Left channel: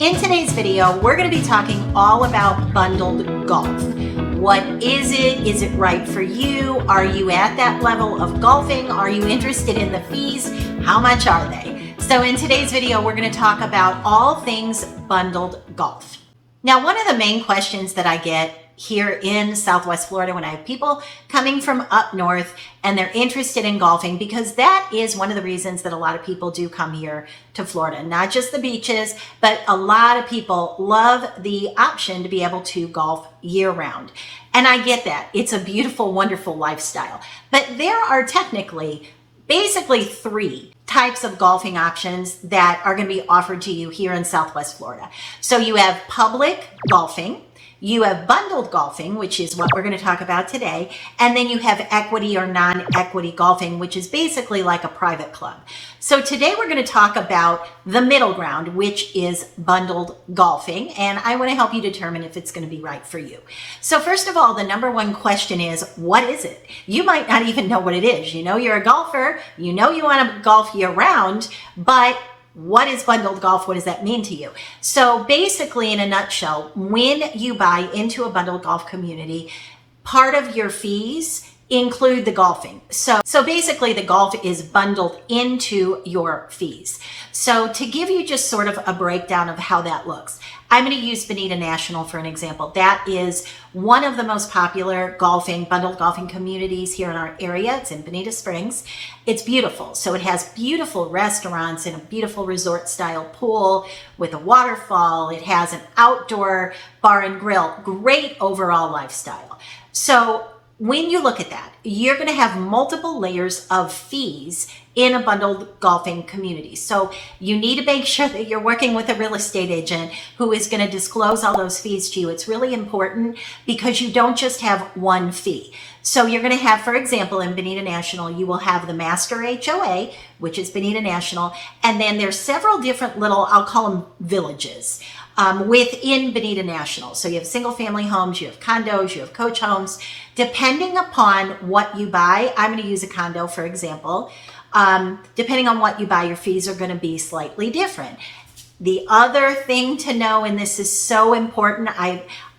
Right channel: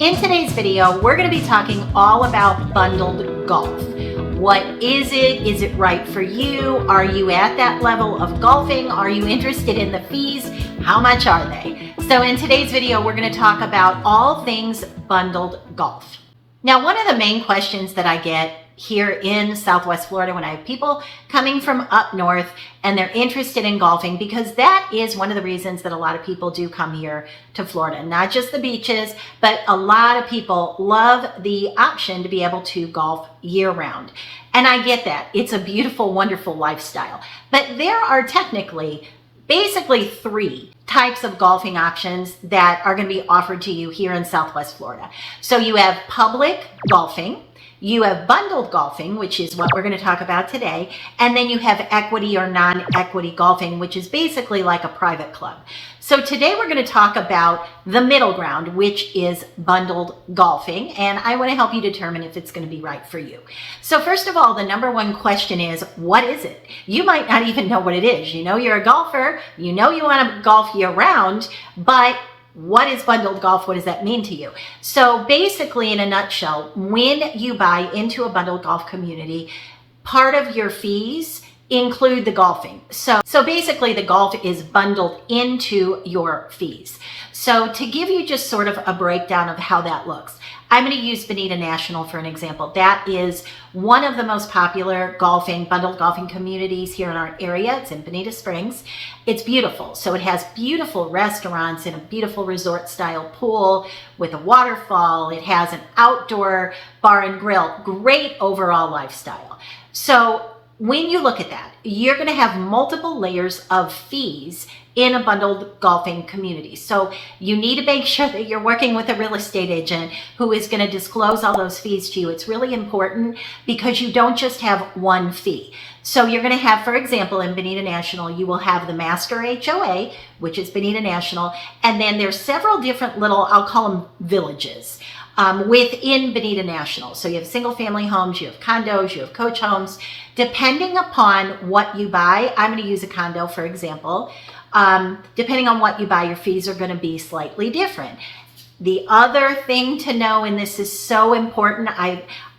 In today's video, we're going to be talking all about bundled golf. What is it? Is it right for you? Are you at that level of golfing? Are you interested in the fees? How much are they? So in today's video, we're going to talk about all things bundled golf. Now, one of the main questions that I get here in Southwest Florida when I have people coming from up north and they're interested in golfing, because that is one of the reasons that a lot of people do come here to Florida, not just the beaches, but a lot of people love the option to be able to golf year round. And I get that. It's a beautiful, wonderful lifestyle. But there are basically three types of golfing options that are going to be offered to you here in Southwest Florida. So you have public golfing, you have bundled golfing, which is what we're going to talk about today, and then you have equity or non-equity golfing, which is basically like a private club. So today we're going to talk about the middle ground, which is bundled golfing, and I want to help you determine if it's going to be right for you. So first of all, the number one question is, what is it? You might not even know what it is. You know you're a golfer, you know you want to golf year round, but what is bundled golf? What does that mean to you? So basically, in a nutshell, when you buy into a bundled golf community, part of your fees include the golfing. So basically the golf is bundled into your fees. So to give you just sort of a breakdown of how that looks, I'm going to use Bonita National for an example. That is one of the most popular bundled golfing communities here in our area. It's in Bonita Springs. It's beautiful. So it has beautiful restaurants and a beautiful resort style pool with a waterfall. It has an outdoor bar and grill. Great overall lifestyle. So when you look at that, you're going to have multiple layers of fees in a bundled golfing community. So you need to make sure that you're working with a real estate agent who is going to disclose all those fees to you. It's really important because you don't just have one fee. So you're going to have, for example, in Bonita National, you will have the Master HOA, which is Bonita National, and then there's several different little, I'll call them villages, within Bonita National. So you have single family homes, you have condos, you have coach homes. Depending upon what you buy, I'm going to use a condo, for example. Depending on what you buy, your fees are going to be slightly different. The other thing to know, and this is so important,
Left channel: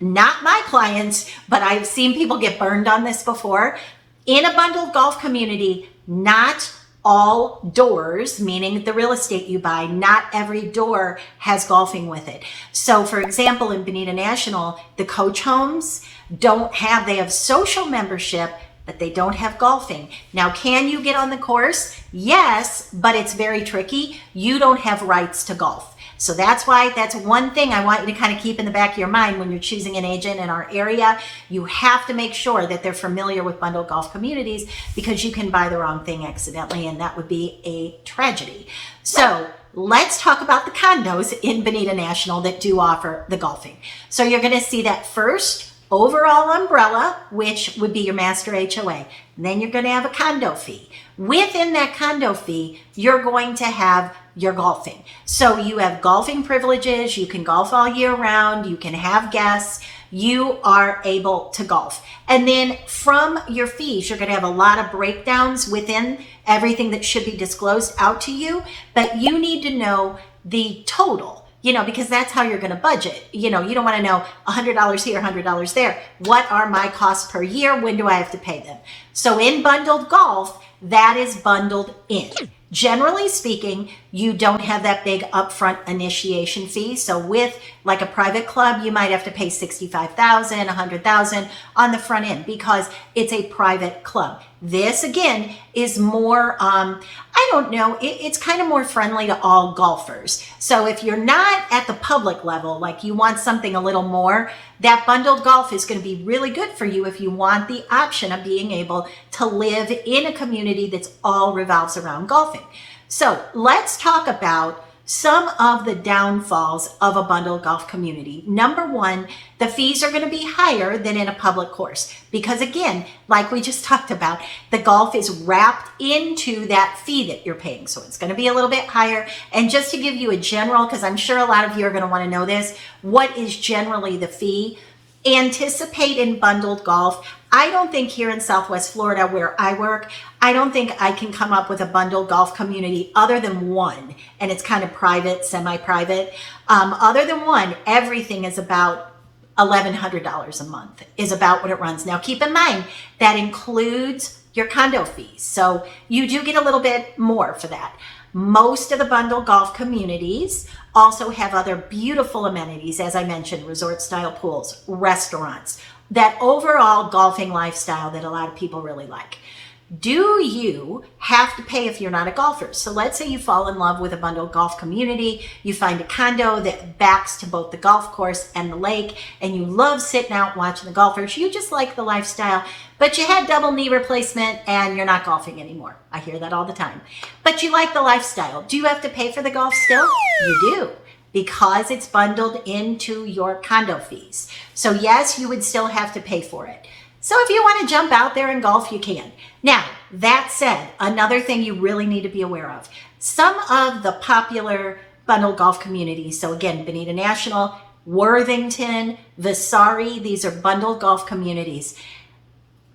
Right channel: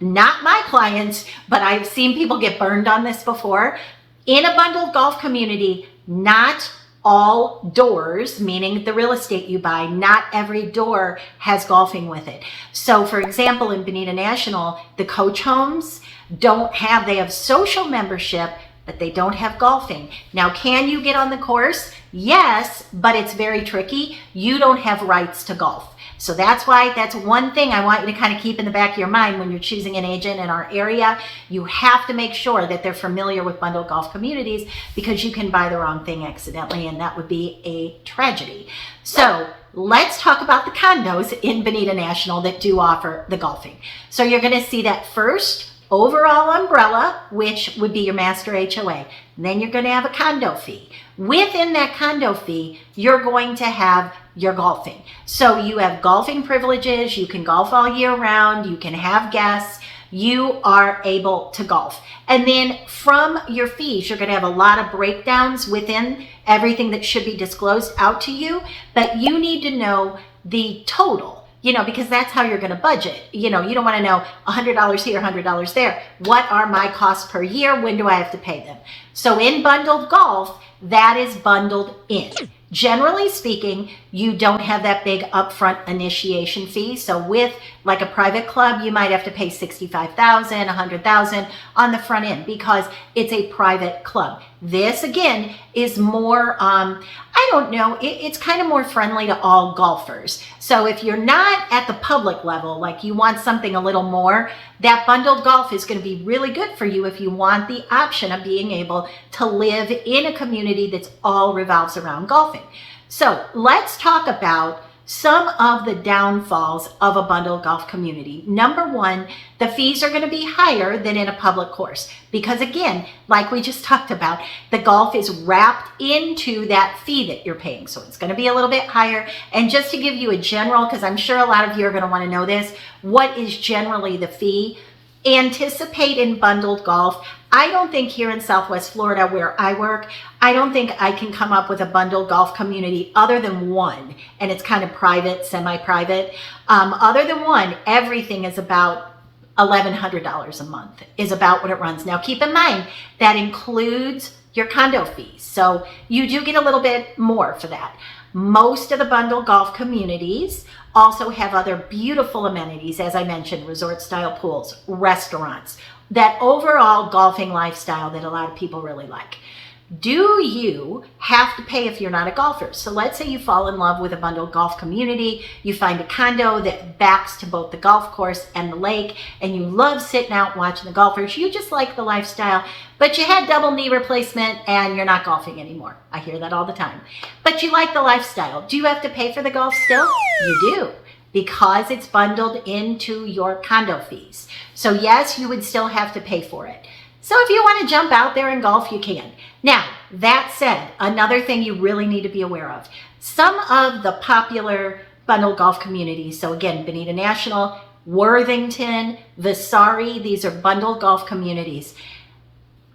not my clients, but I've seen people get burned on this before. In a bundled golf community, not all doors, meaning the real estate you buy, not every door has golfing with it. So for example, in Bonita National, the coach homes they have social membership, but they don't have golfing. Now, can you get on the course? Yes, but it's very tricky. You don't have rights to golf. So that's one thing I want you to kind of keep in the back of your mind when you're choosing an agent in our area. You have to make sure that they're familiar with bundled golf communities, because you can buy the wrong thing accidentally, and that would be a tragedy. So let's talk about the condos in Bonita National that do offer the golfing. So you're going to see that first overall umbrella, which would be your Master HOA. And then you're going to have a condo fee. Within that condo fee, you're going to have your golfing. So you have golfing privileges. You can golf all year round. You can have guests. You are able to golf. And then from your fees, you're going to have a lot of breakdowns within everything that should be disclosed out to you. But you need to know the total, because that's how you're going to budget. You don't want to know $100 here, $100 there. What are my costs per year? When do I have to pay them? So in bundled golf, that is bundled in. Generally speaking, you don't have that big upfront initiation fee. So with like a private club, you might have to pay $65,000, $100,000 on the front end because it's a private club. This again is more, it's kind of more friendly to all golfers. So if you're not at the public level, like you want something a little more, that bundled golf is going to be really good for you if you want the option of being able to live in a community that's all revolves around golfing. So let's talk about some of the downfalls of a bundled golf community. Number one, the fees are going to be higher than in a public course because, again, like we just talked about, the golf is wrapped into that fee that you're paying. So it's going to be a little bit higher. And just to give you a general, because I'm sure a lot of you are going to want to know this, what is generally the fee? Anticipate in bundled golf I don't think here in Southwest Florida where I work, I don't think I can come up with a bundled golf community other than one, and it's kind of private, semi-private. Other than one, everything is about $1,100 a month is about what it runs. Now, keep in mind, that includes your condo fees. So you do get a little bit more for that. Most of the bundled golf communities also have other beautiful amenities, as I mentioned, resort style pools, restaurants, that overall golfing lifestyle that a lot of people really like. Do you have to pay if you're not a golfer? So let's say you fall in love with a bundled golf community, you find a condo that backs to both the golf course and the lake, and you love sitting out watching the golfers. You just like the lifestyle, but you had double knee replacement and you're not golfing anymore. I hear that all the time. But you like the lifestyle. Do you have to pay for the golf still? You do, because it's bundled into your condo fees. So yes, you would still have to pay for it. So if you want to jump out there and golf, you can. Now, that said, another thing you really need to be aware of, some of the popular bundled golf communities, so again, Bonita National, Worthington, Vasari, these are bundled golf communities.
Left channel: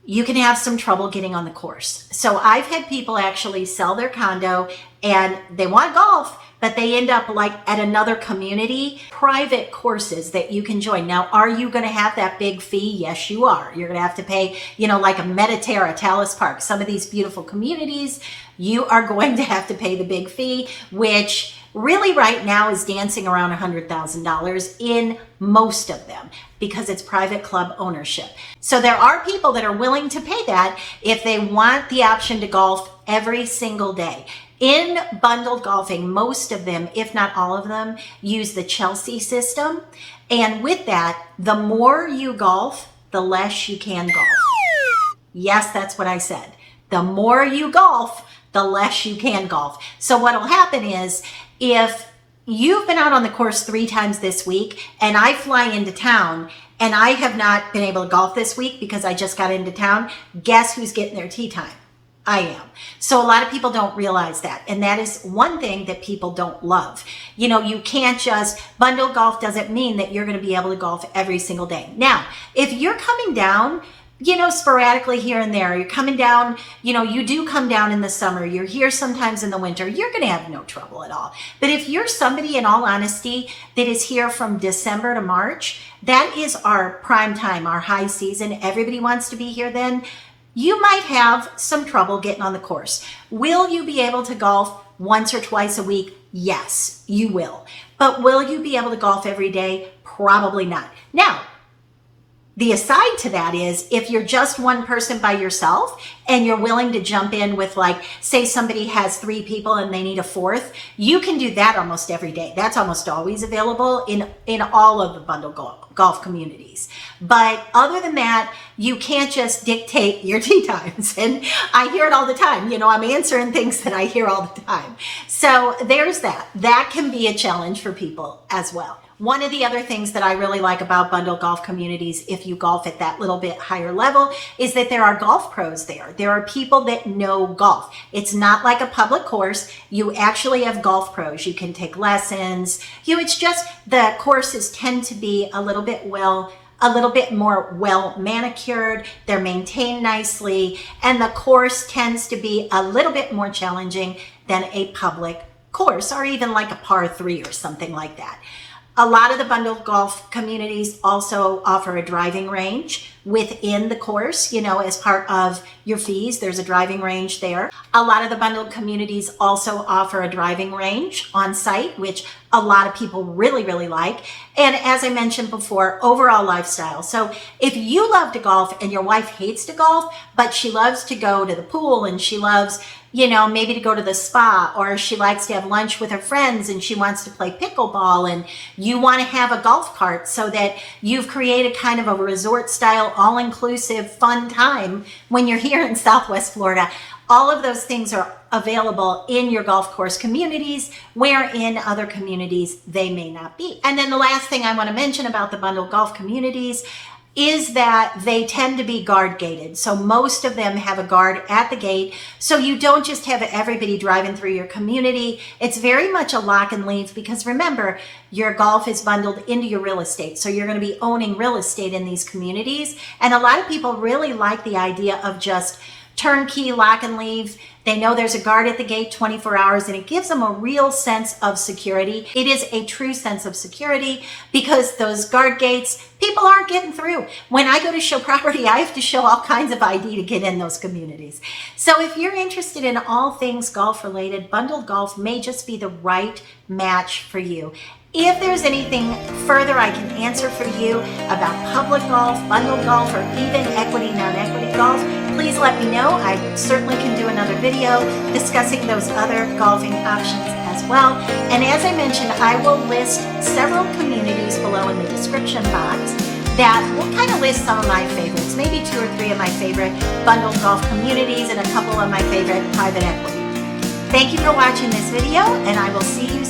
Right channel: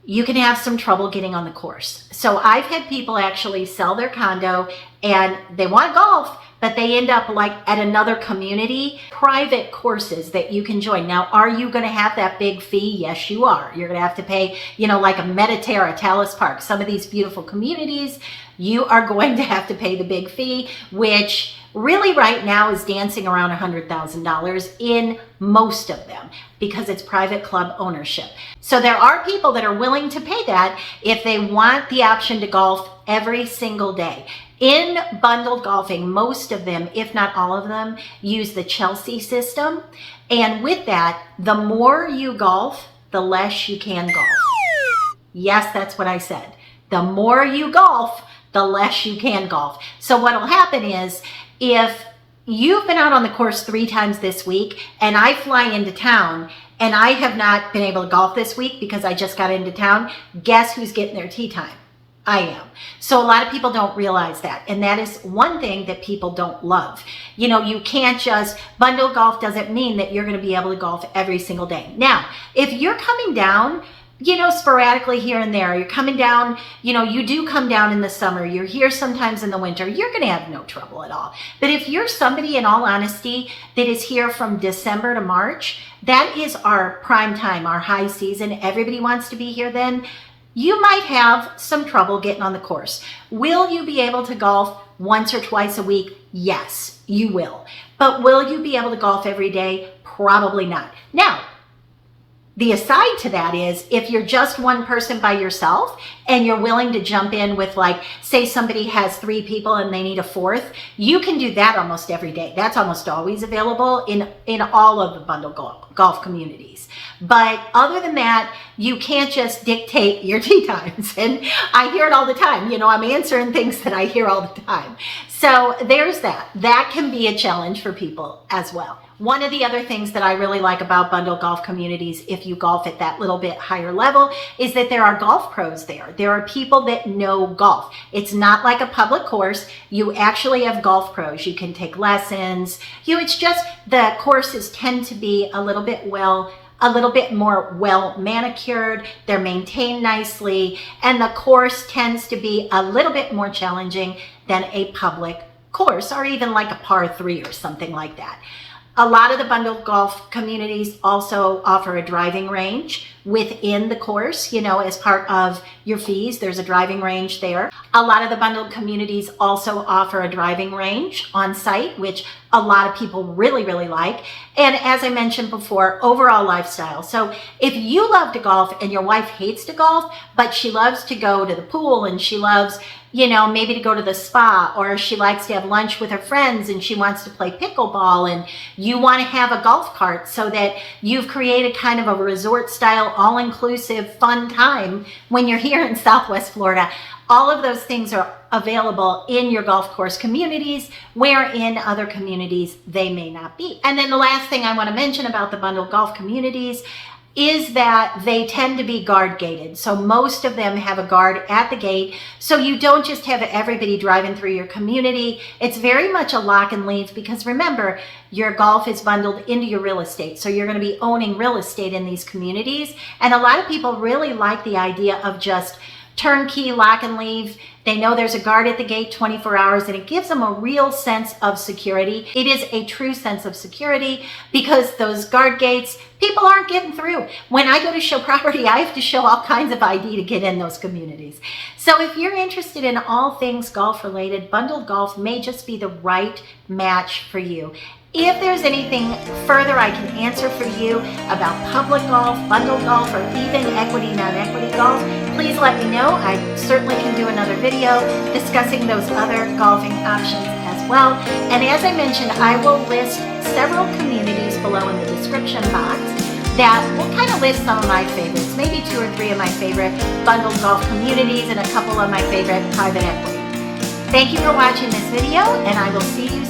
You can have some trouble getting on the course. So I've had people actually sell their condo and they want golf, but they end up like at another community, private courses that you can join. Now, are you going to have that big fee? Yes, you are. You're going to have to pay, like a Mediterra, Talus Park, some of these beautiful communities, you are going to have to pay the big fee, which really right now is dancing around $100,000 in most of them because it's private club ownership. So there are people that are willing to pay that if they want the option to golf every single day. In bundled golfing, most of them, if not all of them, use the Chelsea system. And with that, the more you golf, the less you can golf. Yes, that's what I said. The more you golf, the less you can golf. So what will happen is, if you've been out on the course 3 times this week and I fly into town and I have not been able to golf this week because I just got into town, guess who's getting their tee time? I am. So a lot of people don't realize that. And that is one thing that people don't love. You can't just, bundle golf doesn't mean that you're going to be able to golf every single day. Now, if you're coming down, sporadically here and there, you're coming down, you do come down in the summer, you're here sometimes in the winter, you're going to have no trouble at all. But if you're somebody, in all honesty, that is here from December to March, that is our prime time, our high season. Everybody wants to be here then. You might have some trouble getting on the course. Will you be able to golf once or twice a week? Yes, you will. But will you be able to golf every day? Probably not. Now, the aside to that is, if you're just one person by yourself and you're willing to jump in with, like, say somebody has 3 people and they need a 4th, you can do that almost every day. That's almost always available in all of the bundled golf communities. But other than that, you can't just dictate your tee times. And I hear it all the time. I'm answering things that I hear all the time. So there's that. That can be a challenge for people as well. One of the other things that I really like about bundled golf communities, if you golf at that little bit higher level, is that there are golf pros there. There are people that know golf. It's not like a public course. You actually have golf pros. You can take lessons. It's just the courses tend to be a little bit more well manicured. They're maintained nicely, and the course tends to be a little bit more challenging than a public course, or even like a par 3 or something like that. A lot of the bundled golf communities also offer a driving range within the course, as part of your fees. There's a driving range there. A lot of the bundled communities also offer a driving range on site, which a lot of people really, really like. And as I mentioned before, overall lifestyle. So if you love to golf and your wife hates to golf, but she loves to go to the pool and she loves maybe to go to the spa, or she likes to have lunch with her friends and she wants to play pickleball, and you want to have a golf cart so that you've created kind of a resort style, all-inclusive fun time when you're here in Southwest Florida. All of those things are available in your golf course communities, where in other communities they may not be. And then the last thing I want to mention about the bundled golf communities, is that they tend to be guard gated. So most of them have a guard at the gate. So you don't just have everybody driving through your community. It's very much a lock and leave, because remember, your golf is bundled into your real estate. So you're going to be owning real estate in these communities. And a lot of people really like the idea of just turnkey lock and leave. They know there's a guard at the gate 24 hours, and it gives them a real sense of security. It is a true sense of security, because those guard gates, people aren't getting through. When I go to show property, I have to show all kinds of ID to get in those communities. So if you're interested in all things golf related, bundled golf may just be the right match for you. If there's anything further I can answer for you about public golf, bundled golf, or even equity, non-equity golf, please let me know. I certainly can do another video discussing those other golfing options as well. And as I mentioned, I will list several communities below in the description box that will kind of list some of my favorites, maybe 2 or 3 of my favorite bundled golf communities and a couple of my favorite private equity. Thank you for watching this video, and I will see you